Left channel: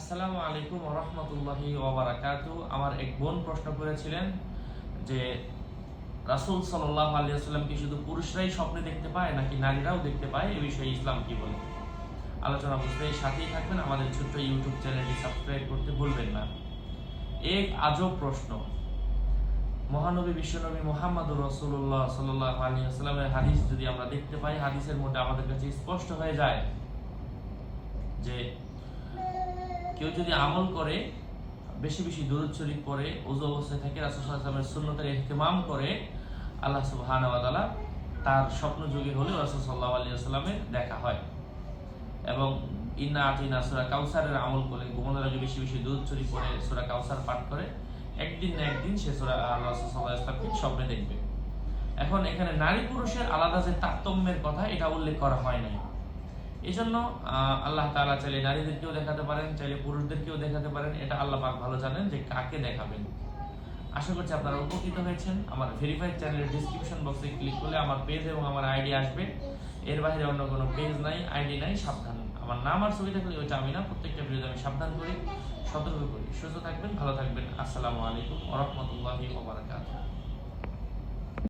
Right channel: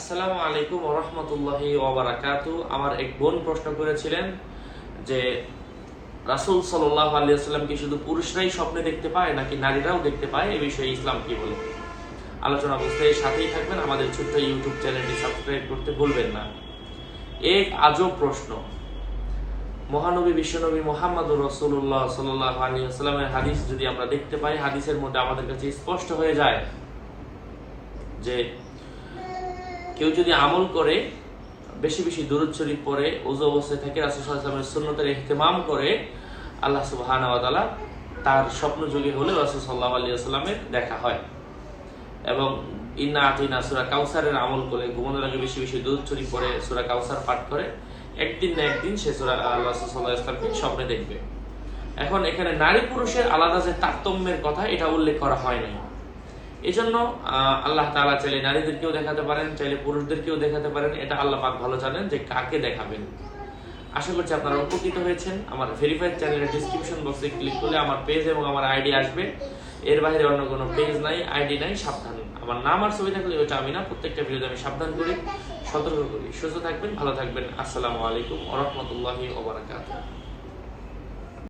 আসসালামু আলাইকুম রহমতুল্লাহি ওবরাকাতু। আমার এক বোন প্রশ্ন করেছিলেন যে, রাসূল সাল্লাল্লাহু আলাইহি ওয়াসাল্লাম কি শুধু পুরুষরাই স্বপ্নে দেখতে পায় নাকি নারীরাও দেখতে পায়? এ বিষয়ে ইসলাম কি বলে? আলোচনা বুঝতে সাথেই থাকবেন। আমাদের ছোট্ট ইউটিউব চ্যানেলটি সাবস্ক্রাইব করতে ভুলবেন না। এক আজব প্রশ্ন। মহানবী বিশ্বনবী মোহাম্মদুর রসুল্লাহ সাল্লাহ আলী আসসালামের হাদিস যদি আমরা দেখতে পাই, হাদিসের মধ্যে আমাদের কাছে স্পষ্ট হয়ে যায় যে কেউ যদি আমল করে, বেশি বেশি দূরত শরীফ পরে ওজু অবস্থায় থেকে রাসুসাল্লামের সুন্নতের ইহতেমাম করে, আল্লাহ সুবাহান তার স্বপ্ন যুগে হলে রাসুল সাল্লাহ আলী আসসালামের দেখা হয়। এবং ইন্না আতিনা সুরা কাউসারের আমল করে, ঘুমানোর আগে বেশি বেশি দুধ চুরি পরে সুরা কাউসার পাঠ করে, একদিন না একদিন সে সুরা আল্লাহ সাল্লাহ ইসলামকে স্বপ্নে দেখবে। এখন এখানে নারী পুরুষের আলাদা যে তারতম্যের কথা, এটা উল্লেখ করা হয় নাই। এই জন্য আল্লাহ তাআলা চাইলে নারীদেরকেও দেখাতে পারেন, চাইলে পুরুষদেরকেও দেখাতে পারেন। এটা আল্লাহ পাক ভালো জানেন যে কাকে দেখাবেন। আশা করছি আপনারা উপকৃত হয়েছেন। আমার ভেরিফাইড চ্যানেলের ডিসক্রিপশন বক্সে ক্লিক করলে আমার পেজ এবং আমার আইডি আসবে। এর বাইরে অন্য কোনো পেজ নাই আইডি নাই, সাবধান। আমার নাম আর ছবি থাকলে ওইটা আমি না, প্রত্যেকটা ভিডিওতে আমি সাবধান করি, সতর্ক করি। সুস্থ থাকবেন, ভালো থাকবেন। আসসালামু আলাইকুম ওরহমতুল্লাহি ওবরাকাতুহ